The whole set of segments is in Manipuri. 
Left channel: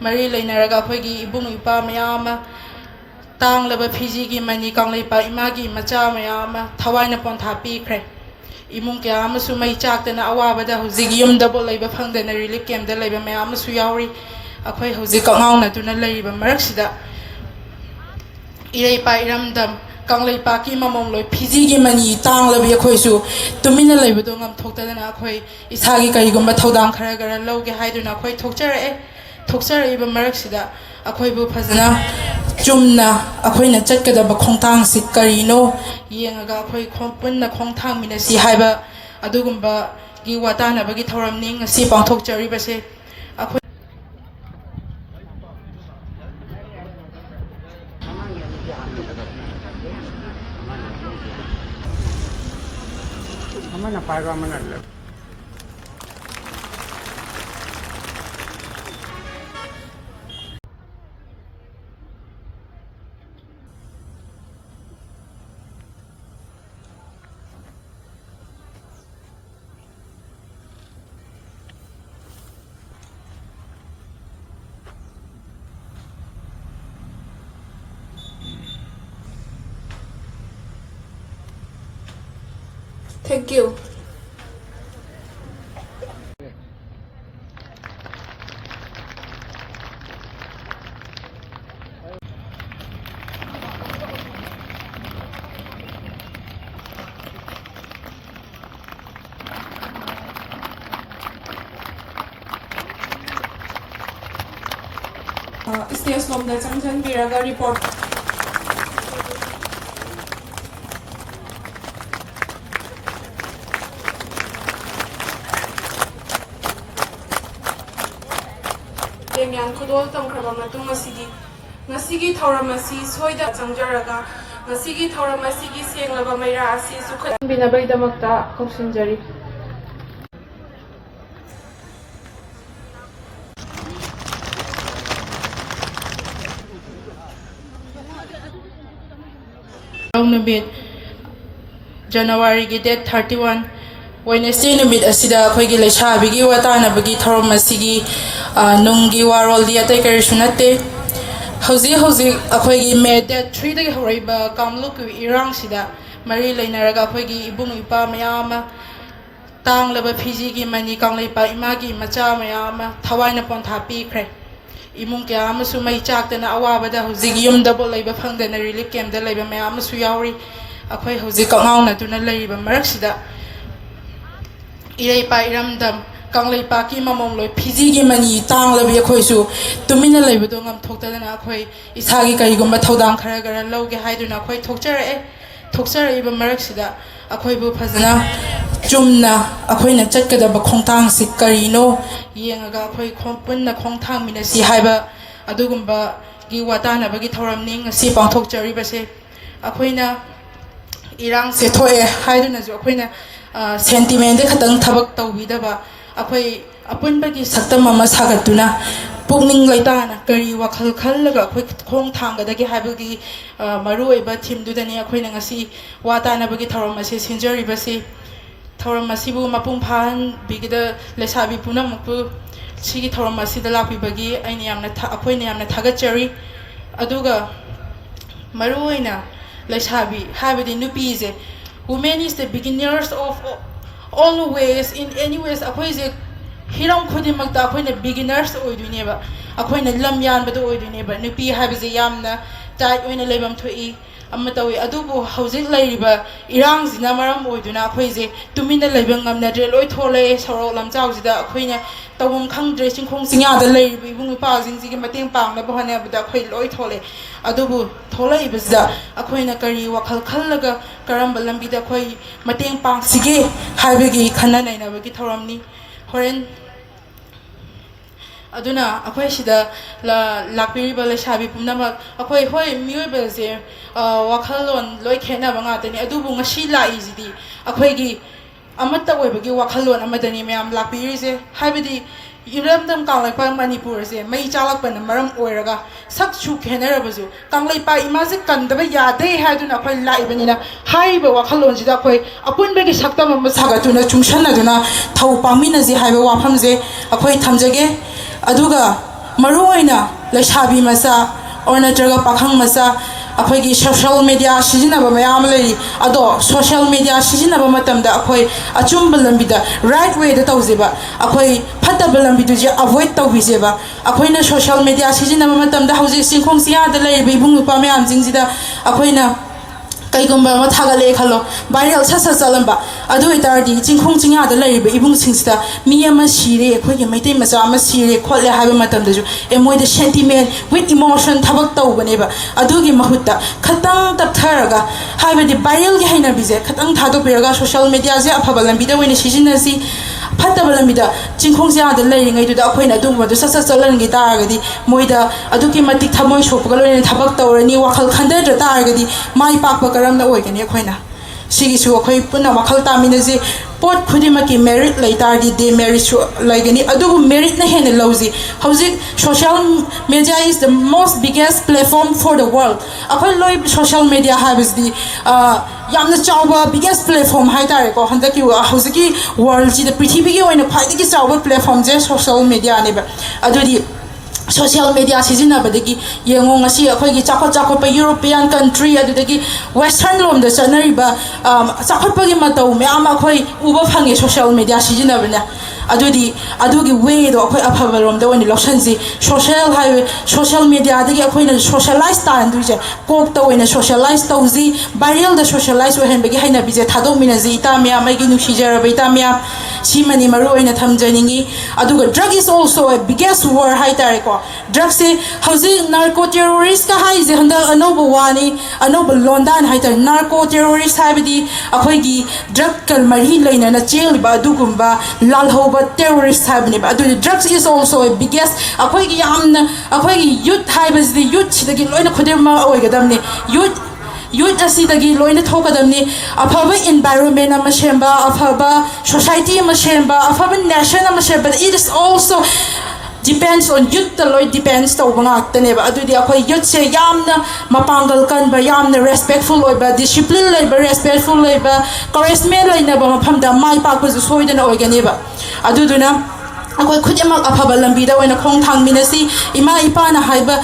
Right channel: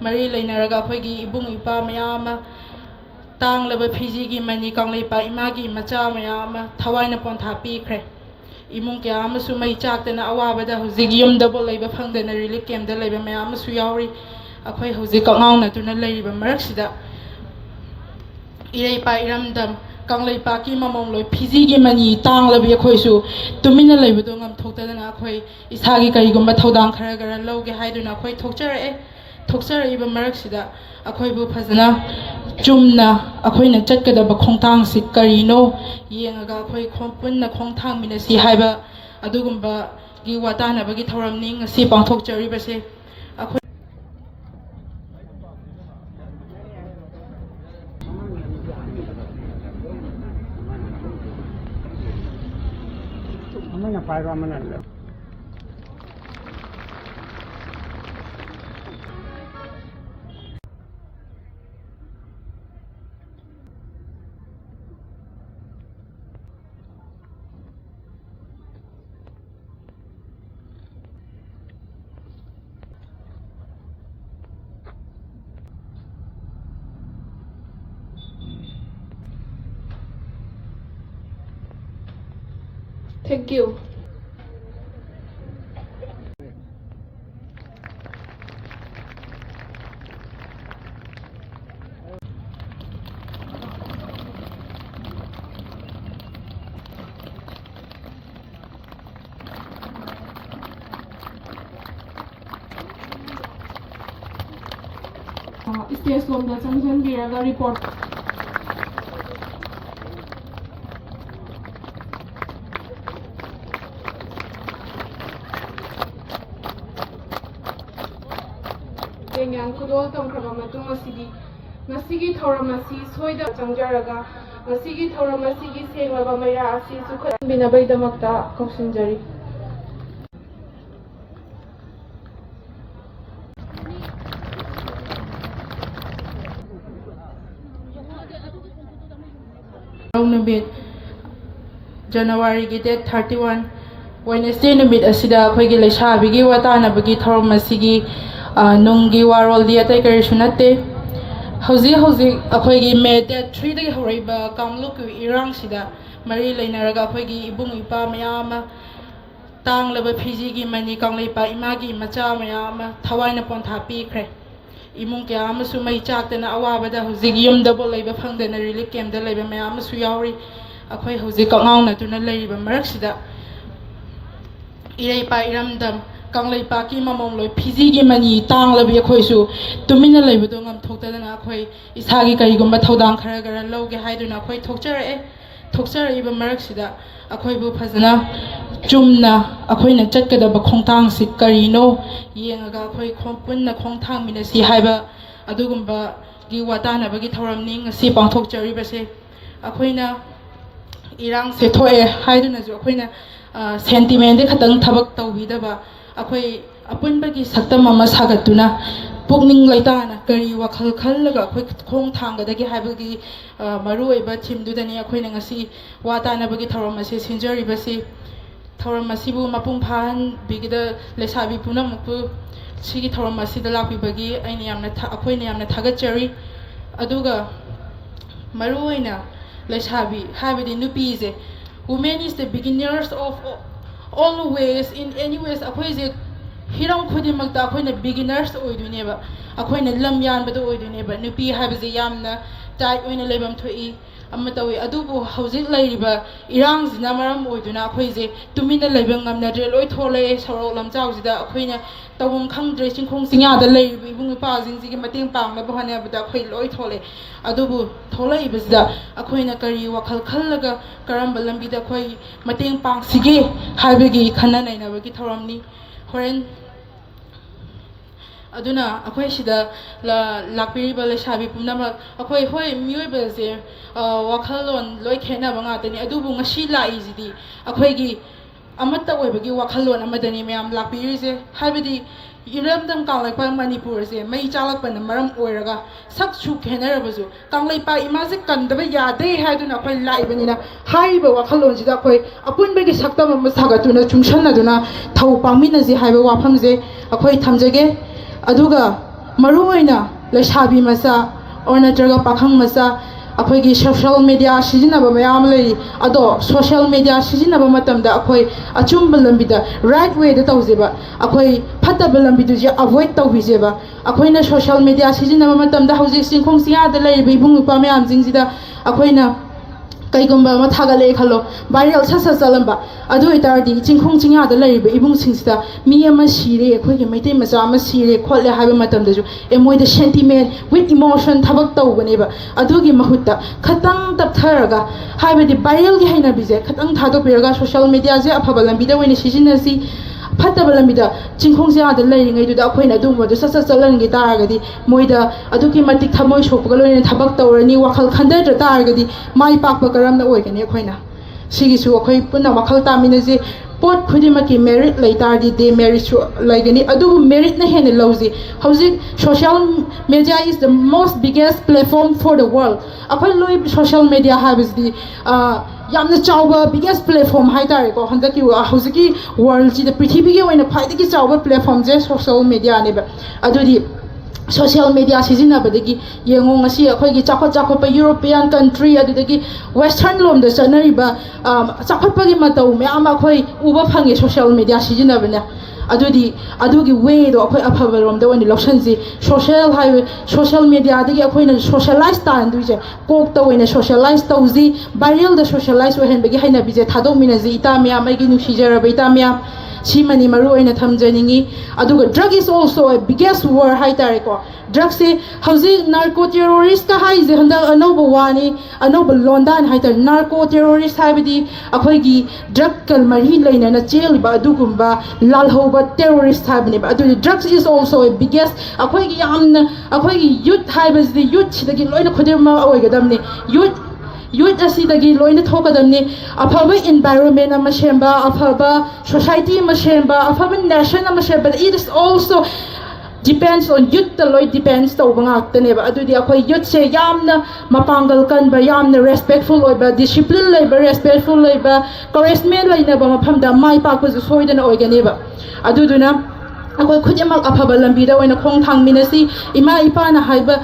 mari leinaraga akhoi ibung ipa mayam tang leba Fiji gi mani kangleipa imagi macha mayam thawaina pontha pikre imung kya amasu mai chaktana awabada hujig yumda bo leiba phangdana relief camp da leiba mayam su yauri akhoi hujig kangauna tuna leiba maraksida irei pa iramdam kanglaipa ki mamom loi Fiji gi mani tang labi akhoi su tumina leiba do ngam thoktadana akhoi isagi kaigumba thodam khara gara loge haiduna akhoi thokchare iba maraksida akhoi bu phajana chumna akhoi na chatkadaba khongtang si karino yengaga akhoi khongpunna khongthangminasi haiba adugumba gi watana bagi thoramni ngasi pangthokchari base akhoi amana paga amana Thank you. Stage lom da changjan biraga report. Yang kudol tongkraba matung masigi thoramasi soida changjaraga masigi thoramasigi senglaba maira asi sukhat binabai damakta kopsinjari numit January gi date 31 Wednesday numit asida akhoi Leisabigi watana bagi thoramasigi nungi warol dia tai karisunate hauzi akhoi May date 3 dagi horaiba kamluk irang sida mari leinaraga akhoi ibung ipa mayam tang leba Fiji gi mani kangleipa imagi macha mayam thawaina pontha pikre imung kya amasu mai chaktana awabada hujig yumda bo leiba phangdana relief camp da leiba mayam su yauri akhoi hujig kangauna tuna leiba maraksida irei pa iramdam kanglaipa ki mamom loi Fiji gi mani tang labi akhoi su tumina leiba do ngam thoktadana akhoi isagi kaigumba thodam khara gara loge haiduna akhoi thokchare iba maraksida akhoi bu phajana chumna akhoi na chatkadaba khongtang si karino yengaga akhoi khongpunna khongthangminasi haiba adugumba gi watana bagi thoramni ngasi pangthokchari base akhoina irang se thoe haiduna ju akhoina sentiment de khatang thabak tawbidaba akhoi apunbagi saktam ama sagatuna pukning laitana kari wakhal khallaga akhoi khong thanggadagi haibagi maruoiba thimdudani akhoina ngasi watana bagi thoramase sinjari base thoramasibu mapung phan bigida lesabi punamku sigi thoramasida lakpibagi aini yamna akhoina yamna thagachari aduga maruoina lesabi habidi nupize women is the beginners of all ways in any ways akhoise hiram khudimagta akhoina beginners oiduneba akhoina lam yanbada oiduneba nupi habije yamna tait oina lebam thoi amatawi adubu hojik lairiba irangzina maram oiduna akhoise tumina leibang ngamnadre loi thole sorok lamchaujida akhoina tawum khangdre singkhong singya da lairiba ibung pa jingji gi mating pangla bahane abda khoi loi thole adubu tholai bizda akhoina kari wakhal khallaga karamba lambida khoi mating pang sige haibegi khana naina bagi thoramni horen aduna akhoi sida lakpiriba lesabi punamak akhoi hoi miyoiba je wakhalon loi khena banga tani adubu ngasi lai jidi akhoi gi amata oibagi wakhalon amadani myam lakpiri je haibidi iramdam kanglaipa Manipur je mai chalakpana maram oiraga sakchu khenarabasu kanglaipa imaje kandaba yade haiduna akhoi laibanina haiba wakhalon jida akhoi apunbegi saktam ama sagatuna chungsanaduna thau pamina je haiba wafam je akhoi thamjage aduga maruoina Leishabi masa or natraga pakhang masa akhoi social media sijinaba mayam lei ado social media sijinaba matamda akhoi achumba lambida right way da tawzeba akhoi phataba lambidu je avoid tawbizeba akhoi na social media sijinaba matamda hauji singkhong sia da lei bibung pa mayam jingjida akhoi na kaigumba ma thagale khalo viral sasa salamba adu itardi jingkhong jingya da lei be ibung singsida mi ama sire khoi ge maitai macha ama sire kholle haba matam da ju emoi the sentiment with emotion thabak tawbane ba adu gi mahutta khatang tap tharaga haba di viral ge haina bize khatang thado beraga social media je afaba lambi da wini sijinasi fataba lamida jingkhong jingya da lei ngai du da khoina du ma du sasa salan gi taragadi moida adu ki matik thamoi shopga loine thabak tawrani wakhal khanda da taragadi mai pakpa karam na oigani khoina sigi su khoi puna wakhal tamina je pot khudima ki merit laitar di de merit su laigani adu merit na hene lozi hauzik social media is the most biggest platform for the world akhoi loi social media habis di yamna chawba biggest platform haitare ko handaki hauziki world ji the prithvi gi oina phaidagi chawba platform je social media ne ba adu di social media sijinabadagi yengo ngasi akhoi chakot pa European country adudagi western lom da chanariba chakot pa gi matau me ama akhoi uba phange social media sijinabana adugi way do akhoi afaba lom da wani lokshanji social media dagi akhoi na socialize ta anduje kok to wena socialize tauzi viral da socialize we hen bagi haina bije thadok minaji ita me amai gi nushijara ba ita me Simani maru ina thamjaningi aduga drug is also a biggest war haitare ko drug se hauji narco terrorist ka haije handa anoba wani anoba londan haitar narco terrorist haibadi akhoi gi drug kal mari leina na jail ba adugumba lal hoba terrorist habni ba adu drugs is also a biggest akhoi gi amna akhoi gi youth haibas the youth sidagi loina khodema oigadamni youth asidagi loina thokadamni afaba environment ama shemba afaba society ama shemba afaba nation ama shemba it is also depends on youth the loy depends to bangakne ba adu di akhoi youth se yamna mapangal kan ba yamna respectful oi ba discipline lei ba respectful lei ba charisma lei na ba mafam da mai pa ko soidana oigane ba adu duna akhoi khudima afaba lambi da oina khong thangminasi ima ipa na haiba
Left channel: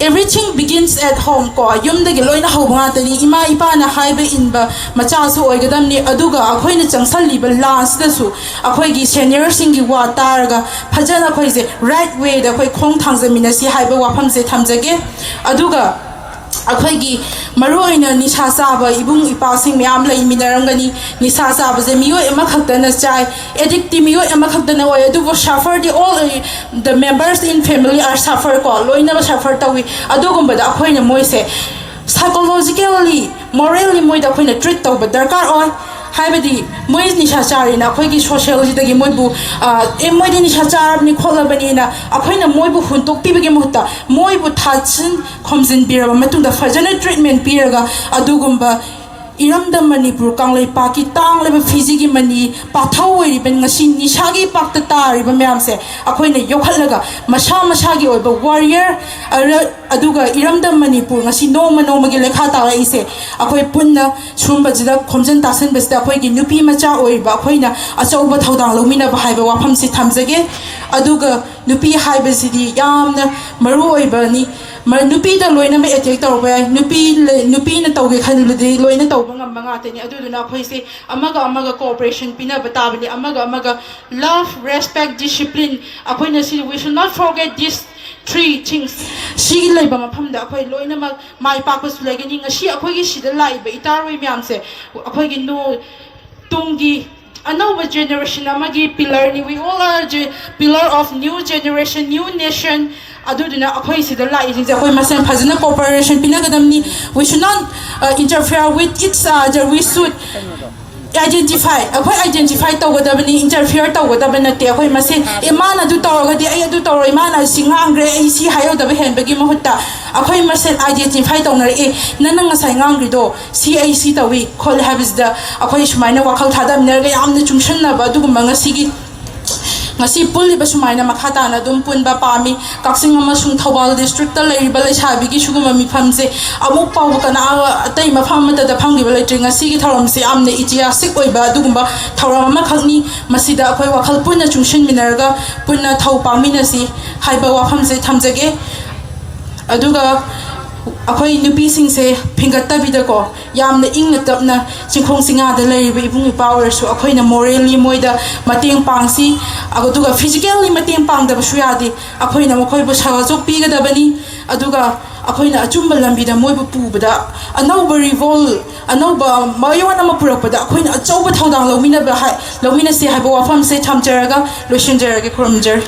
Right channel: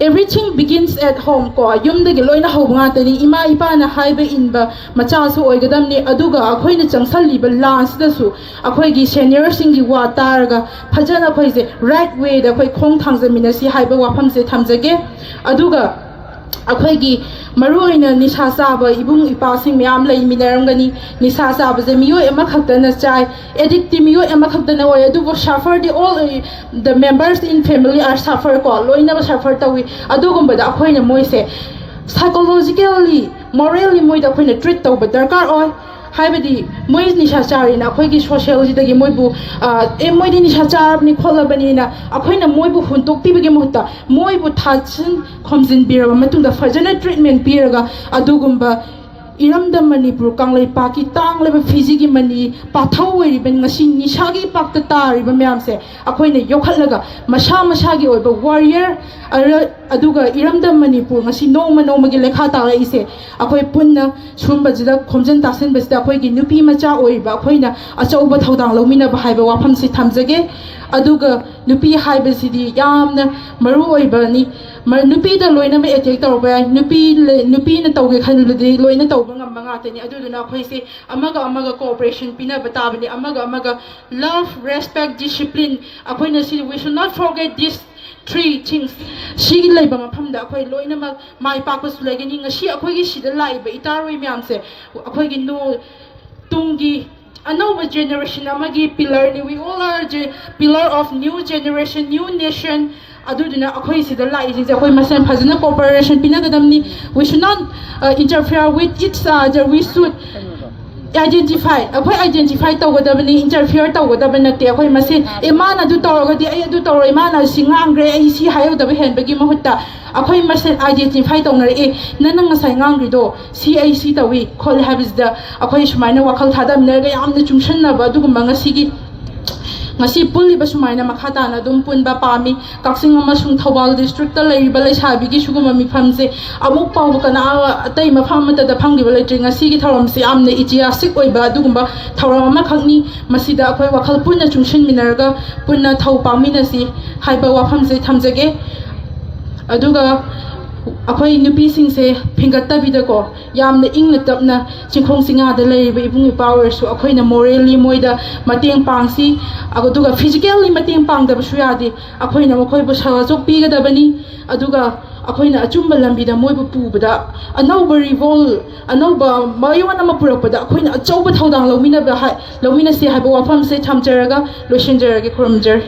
everything begins at home ko yum de loina hobanga tani ima ipa na haiba inba macha so oigadam ni aduga akhoi na changsali ba last da su akhoi gi senior singi wa targa phajana khoi je right way da khoi khong thangzamina si haiba wafam se thamjage aduga akhoi gi maroina nisha saba ibung ipa sing myam lai minarangani nisha saba je miyo ema khakta na chai addict miyo ema khakta na oi adu suffer the all the members in family are suffer ko loina suffer tawi adugumba da akhoi na moise psychologically morally moi da akhoi na treat tawba darkar oi haibadi moi nisha chari na akhoi gi sociology da gi moi bu moi di nisha char ni kholabani na akhoi na moi bu huntok pibage muta moi bu thachin khomjin bira matunda fajana treatment piraga adugumba iramda Manipur kanglai paki tangleba fizigi mani pathawoi ben ngasi nishagi pakta tari ba myam se akhoi na yokhalaga masha gi oiba warrior aduga iramda Manipur ngasi noma gi lekha ta ise akhoi punna sumba jida khomjin tasen besta akhoi gi nupi macha oiba akhoi na achauba thodang lomina ba haiba wafam se thamjage aduga nupi haiba sidi yamna maru oiba ni nupi da loina me attack tawba nupi na tawge khanladi loina tawba ngam nga tani aduduna khoi se amaga cooperation pina batabani amaga love respect discipline akhoi na si we should not forget these three things shi laiba mafam da akhoi loina mai pakus lagani ngashi akhoi gi sida laiba itaroi myam se akhoi gi no tungi another generation amagi pillar ni we all are pillar of new generation new nation aduduna akhoi sida lai ji akhoi masen phajana cooperation pinagadamni we should not interfere with each other we should identify akhoi identify tawgadabani interfere tawgadabana te akhoi masen emana du tawgadi ai adu tawroi mana singangre ai si hayo da hen bagi mohutta akhoi masen identify tawnar e nananga sai ngangri do CAC tawi khol habis da akhoi shmaina wakhal thadam ner ga yamna chungsan na ba du manga sigi ngasi puliba sumaina makhata na dum punba pami kaksing amasung Thawal district ta leiba Leisabi gi suguma mifamse amuk paw kana atai mafam mata da phangi bala tringa sigi tharom se amne itiasik oiba dugumba tharam ma khangni masida akhoi wakhal punna chungshin minarga punna thau paminasi haiba wafam se thamjage aduga akhoi nupi sing se phingatta bidako yamna ingna tapna chingkhong singa da leiba ibung power su akhoi na morally moida mateng pangsi aguduga physically mateng pang da su yadi akhoi na mokhoi bu sawa jok pi ga da bani aduga akhoi na achumba lambi da moi bu pu bada anauba revolt anauba mayona ma purakpada akhoi na achauba thodang lomina ba lomina se haiba wafam se thamjaraga loishinjaraga khurumjar